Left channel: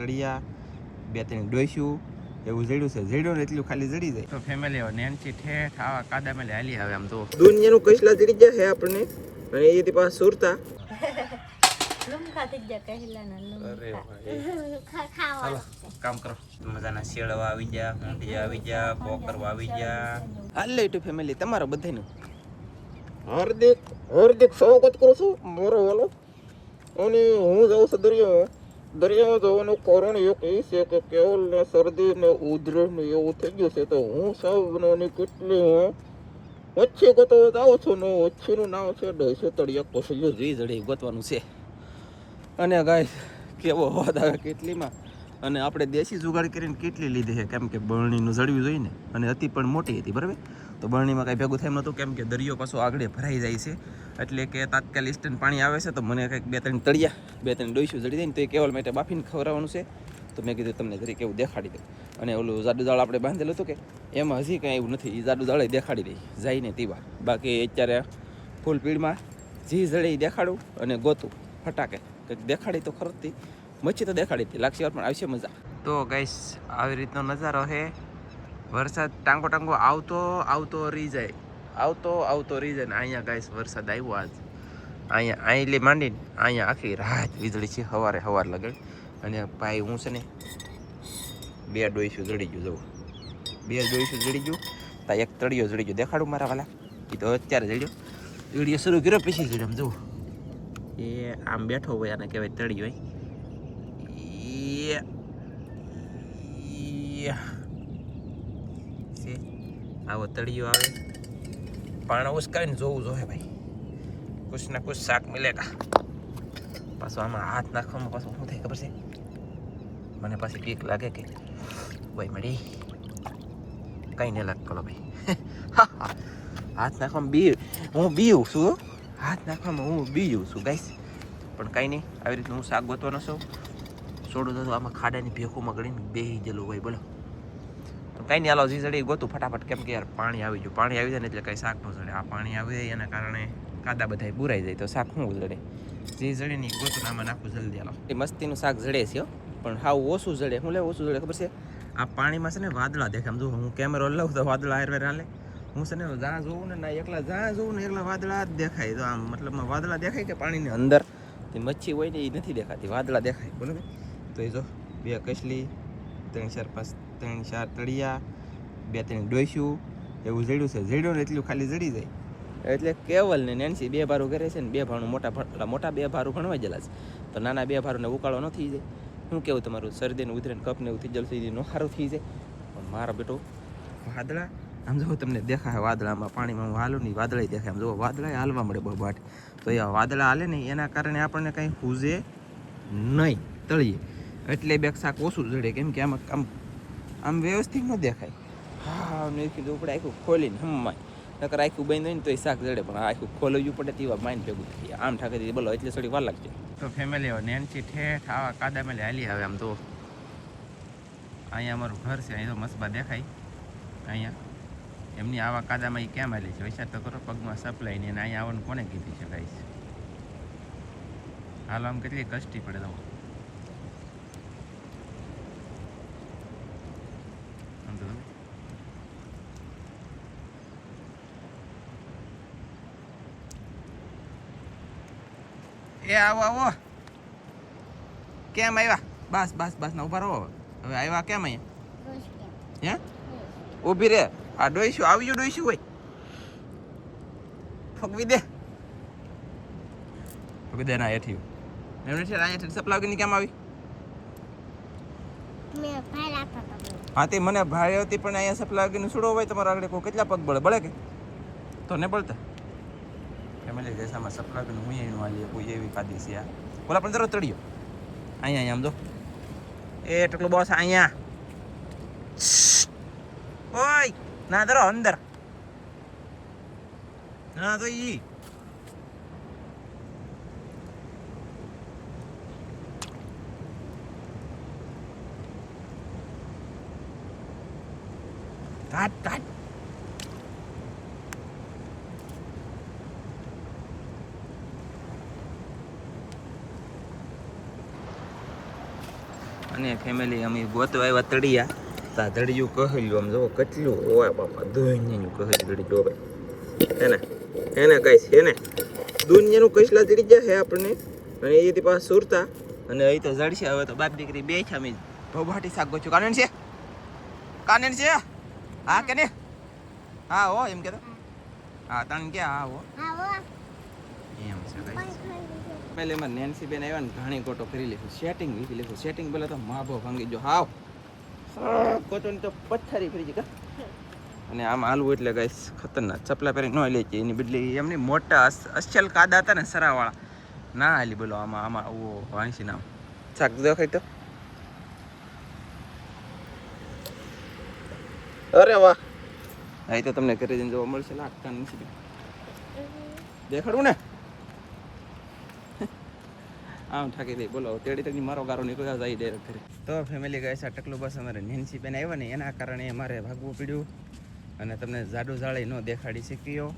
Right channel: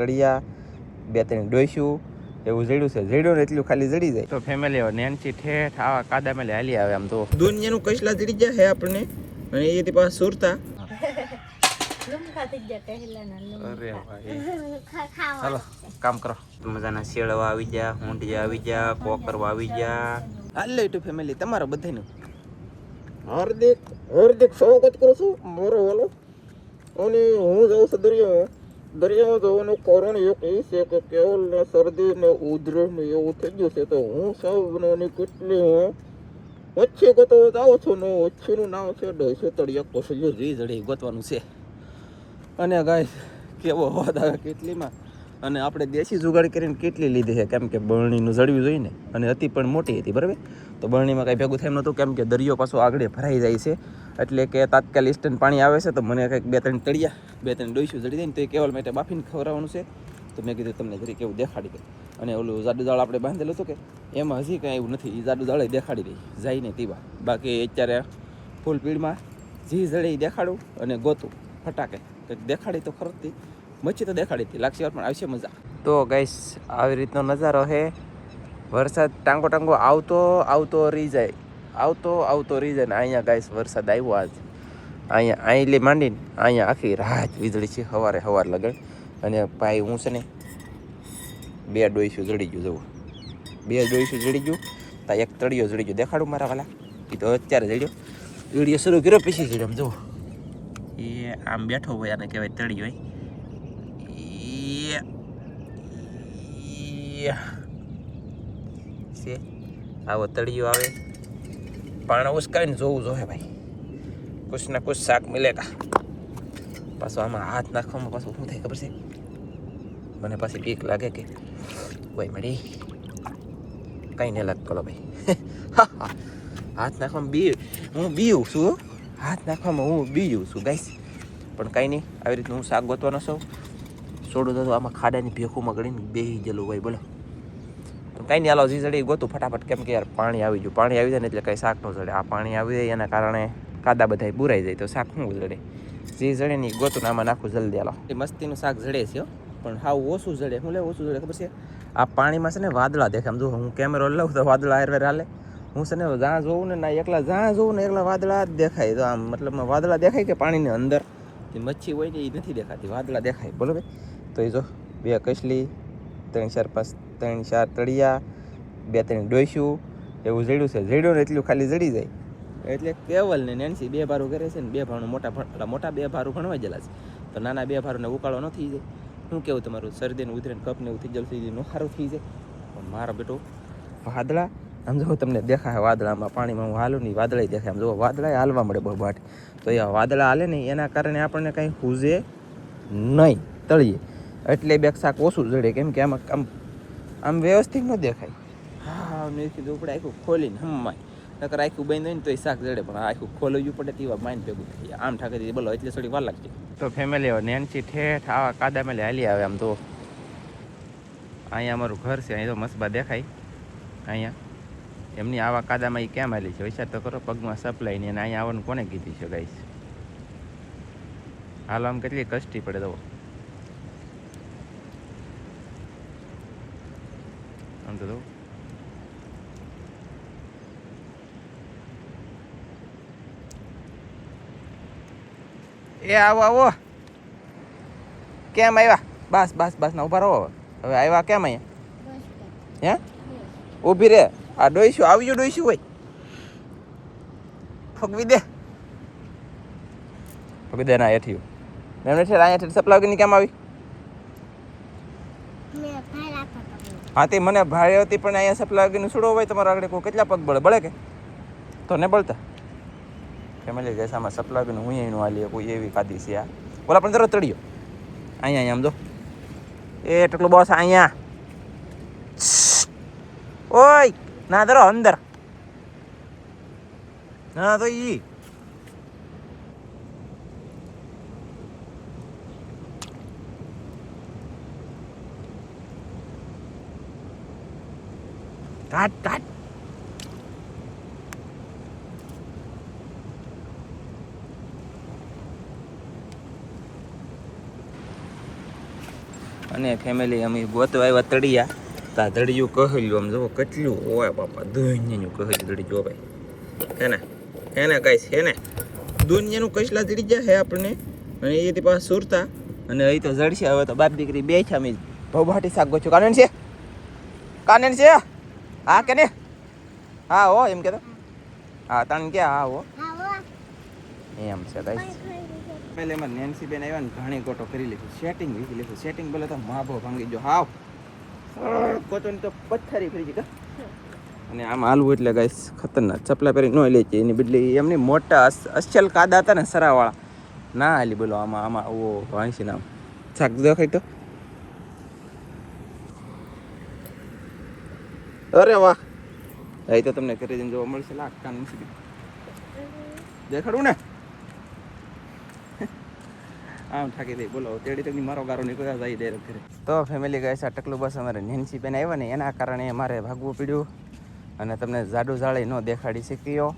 તળિયા, 2-3 ડોસ્યું એવું જડ્યું છે. જડ્યું ને એટલું ખાલી જડી જાય તો ફેમિલી નેનસી ઠેઠ આવા કાદા મેલે હાલી આવે. આમ તો દુનિયાનું કઈસલા જડી જાય હે આપણને, અને એથી પાછા સુરતા કામ કરો. મજાના શેળવા આવી ગયા, ઊંધિયા આવી ગયા, કોકરવા આવી ગયા. હાલે ટુ ફેમિલી તમારો બધાનું હાર્દિક સ્વાગત કરું છું મારો વાલો. અને હું જાઉં છું દરિયામાં જવાનું કારણ એક એ છે કે કેવલ ને શરદી ને ઉધરસ ને એવું થઈ ગયું છે. તો હું સાવની કેટલી વચ્ચે ગતો જાઉં છું ને વચ્ચેનું નામ છે ડોસો તળિયા કોસળિયો જોઈ જડે ગોતવાનું છે. અને ગાય કેવો હોદ આવે કેટલીમાં, અને આપણે દેશી જુગાડ કરીને કેટલી લીધી છે, કેમ કે બરણીનું જળવી જોઈએ ને, અને અતિ પણ મોટી હતી બરાબર. તો બરણીમાં કાંઈ ભેગું થાય નહોતું, કેમ કે દરિયો પાછો આગળ ભરાઈ જાય છે. એટલે કે તાત્કાલિક ઇન્સ્ટન્ટ પાણી આવે છે. તો મને કંઈક 2-3 તળિયા 2-3 ડોસ્યું જડી દે ને તો એ કેવલ માટે બાફીને ખવડાવવાનું છે. તો મેં કીધું તમને જરી કેવું દેખાડી દે. અને ઓલું જાડું જાળ આપણે બાંધેલું હતું કે એમાં હજી કાંઈ એવું નથી, એ જાડું જાળે દેખાડી દઈ જાય ને તેવા. બાકી અત્યારે ફૂલ પીડમાં જી જડે દેખાડું અને ગોતું ફટાકે કંઈક દેખાડી તો ખરતી મચ્છી તો દેખાડી હતી લાગશે પણ આવશે મજા. તો ગાઈસ આવી રીતનો નજારો છે. વરસાદ ટાંગો ટાંગો આવતો રહી જાય ને અહીંયા ગાઈસ વરસાદ આવ્યો આજ. અહીંયા અહીંલી માંડીને અહીંયા આખી રાત વીજળી છે સવારે લગન. અને ભાઈ હું છે ને 2 ડોઈશું જડી ગયું જવું, 2 ડોઈશું જડી ગયું. તા એક તળિયો જડી ગયો દેખાડું મારા વાલા. એ તો અત્યારે જડ્યો, વિડીયો શરૂ કર્યો પછી જડ્યો. આમ જુઓ એ આમ બેઠો હોય આને કહેવાય તળિયો. છે આવો તળિયો આવે, પાણા ઉસકાવીને જોવું જોઈએ ભાઈ, કુછ ના કુછ શાક મિલેગા. પાછું આમાં હાથ નાખવામાં પાછું શું થાય ખબર છે મને? પાછી બીક લાગે કે ભાઈ મળી કંઈ નહીં લાગતો ભાઈ. હાથ નાખવામાં હું બીવું છું, હાથ નાખવામાં હું બીવું છું ગાઈસ. પણ કાંઈ નહીં, આવી રીતનું હું શાક ગોતવાનો છું. છોડું તો આમાં ખાડાની ભેખુમાં ગળીને બેસી ગયેલું હોય બોલો. તો કાંઈ નહીં, હાલો જી જડી ગોતું ફટાફટ, કેમ કે યાર પાણી આવી ગયું. પાણી આવી જાય ને એટલે કાંઈ શાક ન જડે. આ પાણી આવી જાય એના કારણે કાદા બધા બુરાઈ જાય તો શાક શું જડે. જે જડે નહીં ગોતું આમાં નાખું જલ્દી. હાલો એ મસ્તીનું શાક જડે છે પણ હાવ ઓછું જડે. શું લે ઓછું જડે ખબર છે? આ પાણીમાં છે ને વાદળા દેખાય. આમ જો હું કેમેરો લઉં તો વાદળા હારવેર હાલે. હું છે ને જ્યાં જોઉં ને ના એકલા જ્યાં જોઉં ને એકલા વાદળા જ દેખાય. તો આમ મતલબ વાદળા દેખાય કે પાણીની અંદર જે મચ્છી હોય ને એ નથી દેખાતી, વાદળા દેખાય બોલો ભાઈ. તો એ જો 2 કસલી 3-4 તળિયા 2-3 ડોસ્યું એવું જડ્યું છે. જડ્યું ને એટલું ખાલી જડી જાય. એટલે કેવલ ને નેન્સી 2 ભારું કરે છે ને 2 ભારું મોટા 2 ભારું ભણવા ગયેલા છે. તો નાના 2 ભારુંને ઉકાળો ન થઈ જાય. શું કેવું તમારું? શરદીને ઉધરેને કપ ને એવું થઈ જલ્દી નો સારું થઈ જાય. પણ મારો બેટો વાદળા આમ જો તમને દેખાય, વાદળામાં પાણીમાં હું હાલું નહીં વાદળા દેખાય. આમ જો વાદળા હાલવા મળે બહુ બાટ. તો એ વાદળા હાલે ને એના કારણે આપણને કંઈ હુજે નહીં તળીએ, એટલે 2 શાક ઓછું જડે. કેમ કે આમાં આમ વ્યવસ્થિત ન દેખાય. હા મેં કીધું આપણે આખું ખોલીને હમાય, નકર આખું બંધ હોય ને તો એ શાક જડે. પણ આખું ખોલવું પડે તેવા માઇન્ડ ભેગું થાય. આમ ઠાકે બોલો એટલે થોડી વાર લાગશે. તો ફેમિલી નેન્સી ઠેઠ આવા કાદા મેલે હાલી આવે. આમ તો અહીંયા અમારું ઘર છે, અહીં તો મસ્બા દેખાય. અહીંયા એમની આવા કાદામાં એ કેમ હાલી છે વિચાર તો કરો. પગમાં સપ્લાય નહીં, અને અહીંયા આવવાનું કોને કીધી છે ગાઈસ? હાલ આમ કેટલી કષ્ટી પડે તો આમ તો એ આવો કેમ આવ્યા? બસ ના ઉભા રહો. હવે આવ્યા કેમ અહીંયા? હે ઊભી રે. આ ડોઈશું આવ્યું, ડોઈશું હોય ફગવી દે ના હેઠી એમને છે. અહીંયા સપ્લાય વગરની કેમ આવી? હા તે મને ભાઈ હતી પણ અહીંયા સપ્લાય વગરની છોડો હોય તમારા આગળ કોઈ કેટલા પગ બળે કે તો ને બળતા ફેમિલી ગેસામાં સપ્લાય વગરનું હું એનું હાલી કોઈ એવી કાદી છે. આ ઓલા પણ તરત તળિયો અહીંયા આમ જો એ ટકલું બોસ અહીંયા ઓય ના ધરો અંદર ના તો ઈ કાટ અને ફેમિલી અમે ગોતવા આવ્યા તળિયા. તો આ તળિયું કહેલું આમ જુઓ કેટલું હોય બાપા, દુનિયાનું કહેલું તળી જો ભાઈ. એને કહીશ એને દુનિયાનું કસલા તળી ગયા હે આપણને. અને એથી પાછા સુરતા અને અહીં તો જડશે. હવે તો બાપ દીકરી બે છે. અમે ભવાટી શાક ગોચ્યું. કાનન છે હા કે ને? હા હો એમ કે હા તને કે હા હો એમ છે ભાઈ. પહેલે એમાં નેન્સી બેન આવ્યા ને ઘણી ગોટો કરી લીધું. સેટિંગ વીખી લીધું. સેટિંગ બોલે તો માભો ભાંગી જો હાવ ગોટો તો પથ્થરી ફરી ગઈ. અને આમ હાલવું એટલે ગાઈસ ખતરનાક. ચપલા પહેરી ન લે છે એની બદલે એમને મોટા અસલ કાદા હતા ને સરાવાળા ના હાલી બોલો. આમાં ઓ વાંસી નામ શાક દેખાય તો અરે વાહ. અહીં તો તમને ઘરે જઈને જોવા મળશે. લાગતા નથી દેખાડું ને આમ થાકી દઈ બોલો. તેડી તેડી મારો ગારો નીકળ્યા જાય ડાયરેક્ટ ઘરે. તો ફેમિલી ગાઈસ આ ટકલું બસ અમારે નેન્સી બેન આવ્યા ને એના કારણે મારે ભાગવું પડ્યું. અને તમને જાડું જાળી ન દેખાડી શક્યો.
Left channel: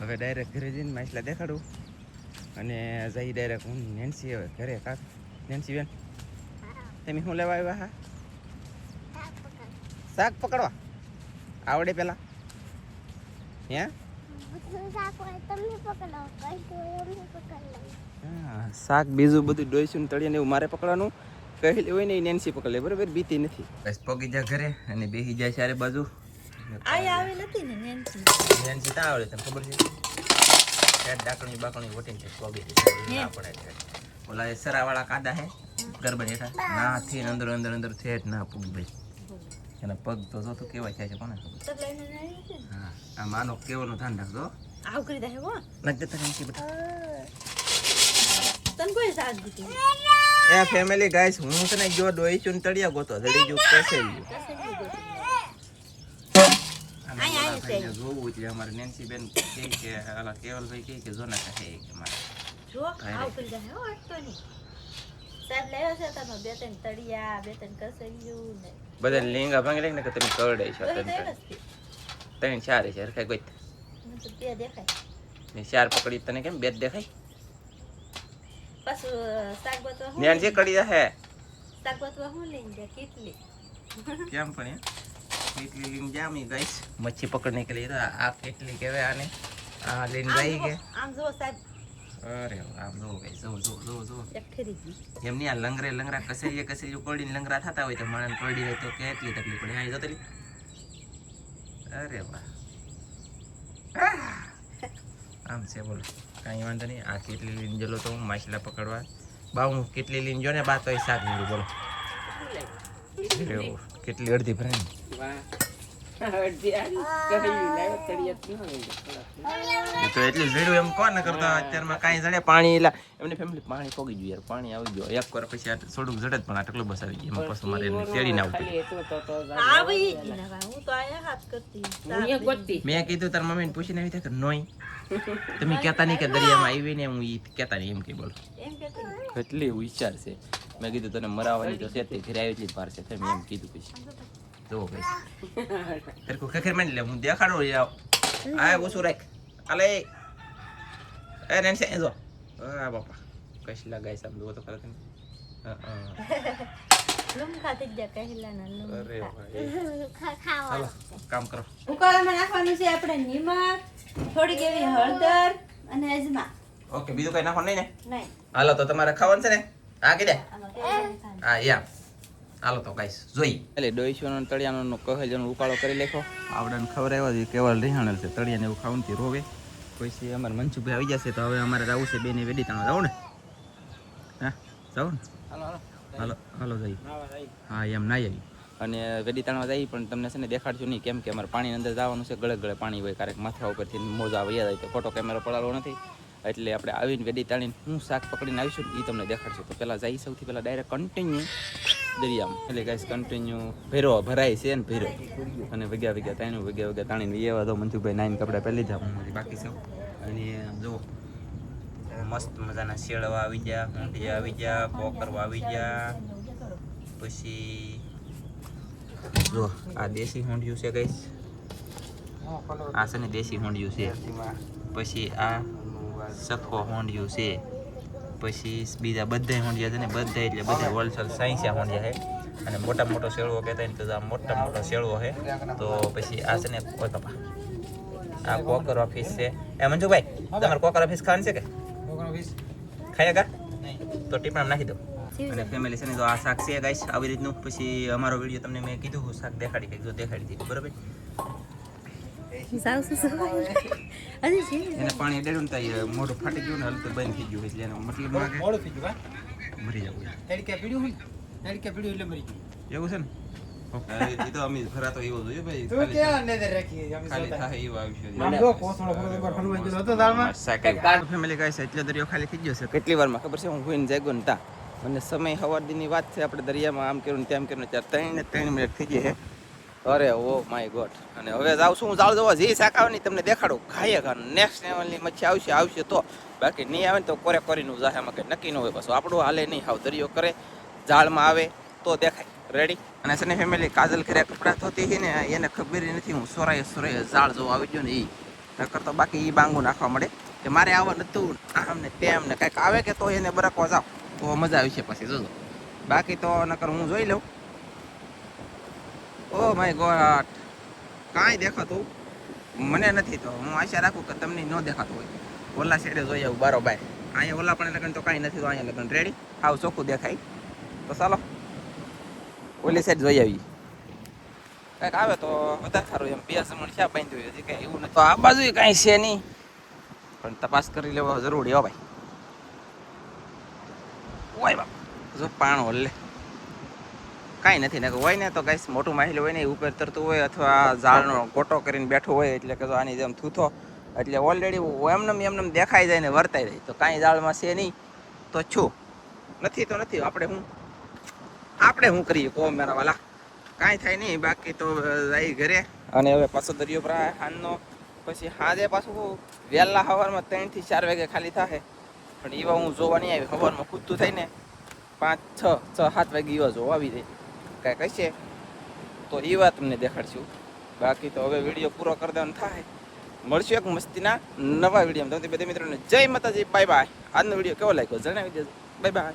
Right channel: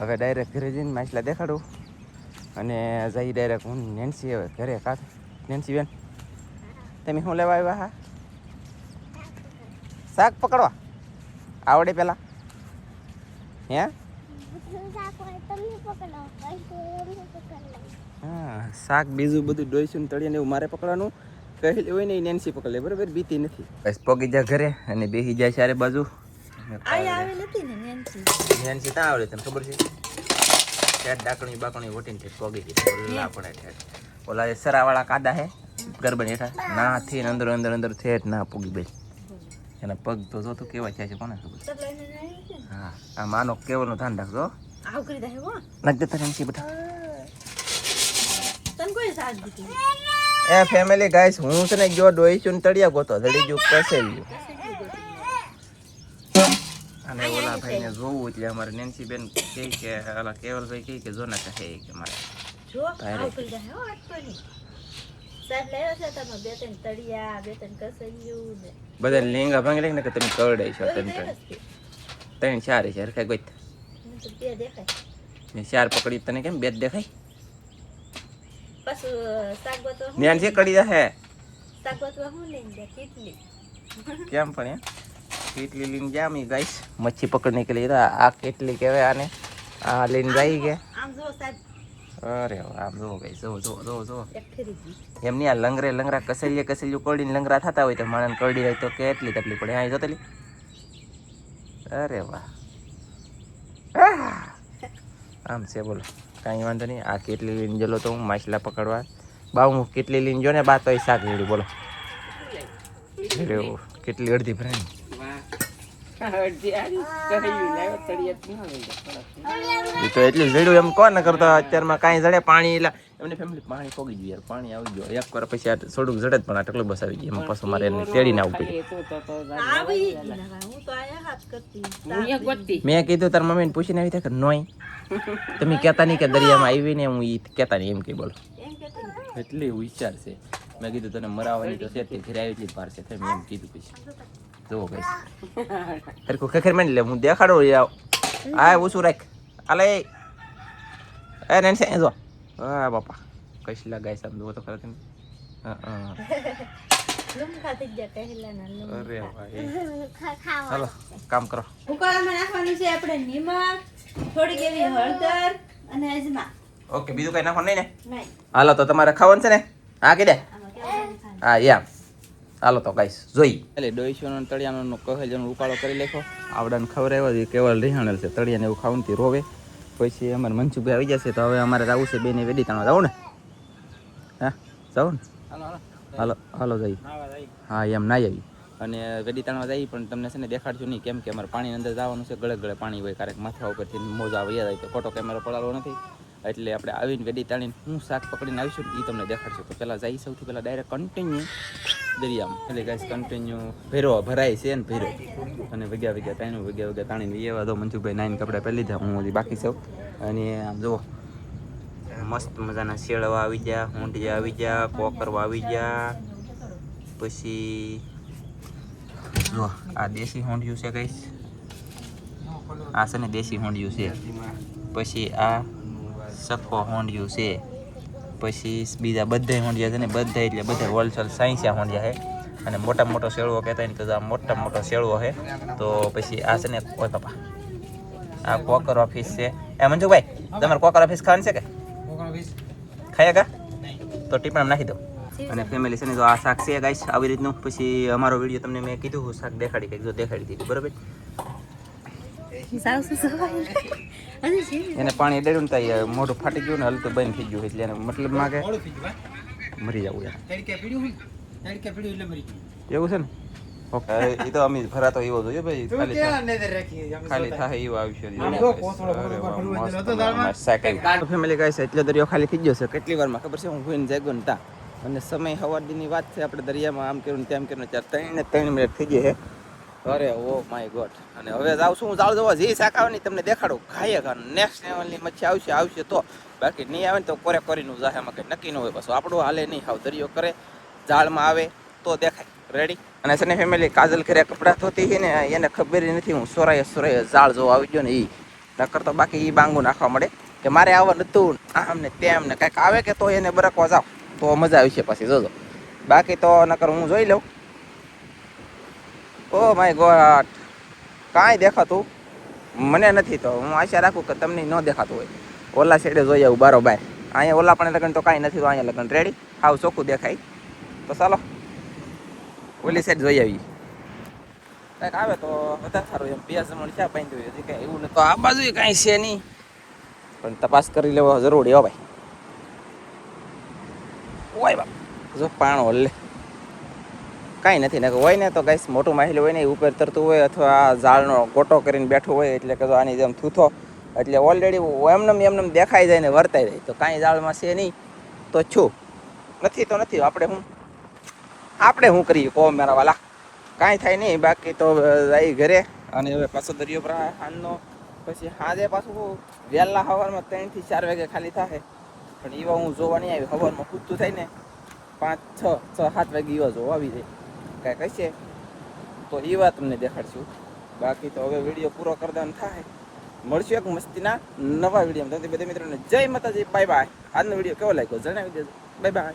હવે ડાયરેક્ટ ઘરે જઈને માછલા દેખાડું અને જઈ ડાયરેક્ટ હું નેન્સી હવે ઘરે. કાં નેન્સી બેન તમે શું લેવા આવ્યા? હા શાક પકડવા આવડે પેલા હે? હા શાક બીજું બધું ડોઈશું તળીને એવું મારે પકડવાનું કહેલી હોય ને એ નેન્સી પકડે બરાબર. બીતી નથી. બસ પગી જાય ઘરે અને બેસી જાય ચારે બાજુ. નેન્સી ત્યાં આવડે તને ખબર છે? ડાકણી બાકણી વટીને પગી આપણે ઓલા સરાવાળા કાદા હે ગરબા હેઠા ના થી અંદર અંદર અંદર થેટ ના પૂગી ભાઈ. એના પગ તો જોતું કેવા થાય છે કોને ખબર. હા આ માનો કેવાનું ધ્યાન રાખજો. આવ કરી દે હો નાખ દે તને કે બેટા તન કોઈ સાથ દીધી. એ ફેમિલી ગાઈસ હું છે ને જો ડોઈ ચૂન તળિયા ગોતો જડી જો કસેલ્યું અને ઓલા ભાઈને જોવું એટલે અમારે નેન્સી બેન કહે કે ઓલા કેવલભાઈ કહે કે જો ના કહે કે મારે જો આવ કરી દે હો અટકોની સાહેબ લેવા છે તમે બે ત્રણ તળિયા બે ત્રણ કસેલ્યું ને બધા લેંગા ભાંગી ને કે તમે કરડે છો ત્રણ ચાર છે કે ગોત તો બે દેખાય ને ચાર પકડી તને કેમ બે દેખાય પછી સાગોતો નેન્સી કડી હે સાગોતો હું લઈને જા કેટલી કેમ પણ કેટલી લઈને જામી ગાઈસ મચ્છી પકડને કે लिए આ કેટલી કહેવાય આને આ લઈને જઈ ગયા આમ જો સાહેબ. અરે આમ જો ગાઈસ જો એમની આ લંગરા કસેલિયું કોડીને લંગરા થતા હોય તો માણસ કરડી હોય તો કેટલી તકલીફ પડે. આ જોતલી અરે વાહ આમ છે બોલો કાંઈ વાંધો નહીં. આ કેટલી લઈને ગયેલો તો હું માછલા પકડવા બા હું કેટલી લઈને જો ને બા તો શાક જોડું બોલો કેટલી અડધી ભરાય તો એટલી જડ્યું એમ કોને કરતા અત્યારમાં કાંઈ જડે પાણી એટલે એમને ફેમિલી પાણી પોગી ગયું યાર. પાણી આવી ગયો એક વાર પછી આ થોડુંક જડે પણ આ ટકલો બસ આવી ગયો એમાં પાછું મારે એને પેડીને આવવું પડ્યું. મેં કીધું તાર મમ્મીને પૂછીને આવી થાય કે નોય તમે કહેતા નહીં કે દરિયામાં આવી ને હું એ કહેતા નહીં એમ કે બોલો એટલી વિચાર છે. મેં કીધું તને મરાવાની તો છે તે ઘરે આવી એટલી ભાર છે મેં એમ કીધું પછી જો ગઈશ હરખું ખખેર માંડી લે હું દેખાડો આ ઓછું રાખ આલે એ નેન્સી જો હા બાપા કઈશલા ગાય સાહેબ જો તો કરો તમે લુમખા થઈ ગયા કહેલાના લુમખા ખાવા કામ કરો. ઉકાળામાં નાખવાની છે આપણે નિમક થોડીક એવી હળદર અને અજમા. ઓકે બીજું કઈ નાખવાનું નહીં ને? નહીં. હાલો તો તમારે ખાવાનું છે ને? હા કીધે હા યા હાલો તો ગાઈસ જોઈ એટલે ડોઈશોનો તળિયાનો કહેલનો ઉકાળો કરી લેખો આવડાને ખબર આવ્યો કેવળ રિહાણેલ છે તળિયાને એવું ખાવાનું રોવે. પછી અમારે મનસુખભાઈ આવી જશે તો હવે અમારે જવું છે બેને વેડી તાણવા જવું ને? હા જાઉં ને હાલો હાલો જઈ હા એમ ના આવી અને વેડી તાણવા જઈ પણ તમને છે ને દેખાડશું નહીં કેમ કે અમારે પાણીની અંદર જવાનું છે. ગળે ગળે પાણી હોય ક્યારેક માથા ઉપરથી મોજા આવી જાય તો ખોટો કેમેરો પડાડવો નથી એટલે આપણે આવીને વેડી તાણીને હું શાક પકડીને આવીશું એ તમને દેખાડશું. તો પહેલાં જઈ સૌથી પહેલાં ડાયરેક્ટ કન્ટિન્યુ દરિયામાં એટલે ગાઈસ કન્ટિન્યુ ભરાય છે ને ભેરો અને વગ્યા તાણીને એવા તો મનસુખભાઈ નાઈને કપડાં પહેરી લીધા હું બાકી સૌ. અને આમ જુઓ મસ્ત મજાના શેળવા આવી ગયા ઊંઢિયા આવી ગયા કોકરવા આવી ગયા. પછી જો આ દેશી હોંડિયું છે ગાઈસ આ છે ને દેશી હોંડિયું છે. પછી આ સખો હોંડિયું છે. પછી બીજા બધા હોંડિયા છે ને બધા એટલે બધા હોલસેલ સાઈસિયા હોંડિયા છે અને મોટા મોટો શેળવો કહેતા ને તો આ મોટા મોટો શેળવો છે. તો પછી આ છે ને કોઈ કપા આ કોકર ઓફિસ છે. એ મંજુભાઈ તમારે કોકર ઓફિસ ખાવાની છે કે ખાયા કા તો ટીપણ નાખી દો. અને ફેમિલી છે ને તો આ શાક છે ગાઈસ આવી રીતનું. પછી અમારો વિડીયો તમને મેં કીધું શાક દેખાડી કંઈક જો દેખાડી દીધું બરાબર. એને પાણી ડેડું ને મોઢું ફાટી ગયું ને હલતું બંધ થઈ ગયું એટલે એને મતલબ માં કે મરી જવું યાર એવું છે ને. ઓકે એ તો અમે ભરાતો એવો જોઈએ ભાઈ ખાલી થાય એવો આવશે. ફેમિલી ગાઈસ એટલે દરિયો ખાલી થઈ ગયો છે કેટલી વારમાં ખબર છે. હું હોઈને જાગ્યો ને તા અને સમય સવારદીની વાત છે. આપણે દરિયામાં આમ કર્યું ને તેમ કર્યું 3 મિનિટ થઈ ગઈ છે. અરે ઓ માય ગોડ. અને હવે જાઉં છું હું જાળ જોવા જે શાક આવે ને તમને દેખાડું. ખાઈએ ખાવાનું નેક્સ્ટ લેવલની મચ્છી આવશે તો બાકી નહીં આવે ને તો કોરે કોરીનું જાહે. એમાં કંઈ નક્કી ન હોય. પાછું આપણું હાલે નહીં હાવ દરિયો કરે જાળમાં આવે તો દેખાય. રેડી. અને છે ને ફેમિલી કાજલ કર્યા કપડાં ધોતી હતી ને એને ખબર નથી હું સોરાય જાળ જોવા આવી ગયો ને એ નકર તો બાકી એ બાંગું નાખવા મળે કે મારે આવવાનું હતું આમ ને તેમ ને કાંઈક આવે કે તો એને બરકવા જાવ તો મજા આવશે પછી જોજો. બાકી તો નકર હું જોઈ લઉં. ઓ માય ગોડ કાંઈ દેખાતું મને નથી. તો હું આશા રાખું કે તમને ન દેખાતું હોય. ઓલા સાઈડે જોઈ આવું બારોબાર. અહીંયા ઓલા પણ લગન તો કાંઈ નથી. તો અહીંયા લગન રેડી હાવ ચોખ્ખું દેખાય. તો ચાલો ઓલી સાઈડ જોઈ આવી કાંઈક આવે તો વધારે સારું. એમ 2 જમણ ક્યાં બાંધ્યું હોય હજી કાંઈ એવું નથી. તો આ બાજુ કાંઈ છે નહીં પણ તપાસ કરી લેવો જરૂરી હો ભાઈ. ઓય બાપ જો પાણો હલે કાંઈ નથી ને હોય ને તો ગાઈસ મોટું માહિલ હોય ને ઉપર તરતું હોય અથવા ઝાડનો ગોટો કરીને બેઠું હોય એટલે કે આની જેમ થૂથો એટલે ઓલરેડી એમને દેખાઈ જાય ને વર્તાઈ જાય. તો કાંઈ ઝાડમાં છે નહીં તો છું નથી તો નથી. આપણે શું કરીએ કહો મારા વાલા. કાંઈ થાય નહીં. બાકી તો જાય ઘરે. અને હવે પાછો દરિયો ભરાય સાંજનો. પછી સાંજે પાછું વહેલા સવારમાં 3 થી 4 વાગે ખાલી થાય. પણ એવા હું જોવા નહીં આવી. સવારમાં ખૂદતું થાય ને 5, 6, 7 વાગે એવા જોવા આવી જાય કાંઈ કહીશે તો એ વાત તમને દેખાડશું. બાકી તો હવે વિડીયો પૂરો કરી દેવાનો થાય. મળશું એક મસ્તીના નવા વિડીયોમાં. તો બધા મિત્રોને જય માતાજી. Bye bye. આજનો વિડીયો કેવો લાગ્યો જણાવી દેજો. Bye bye.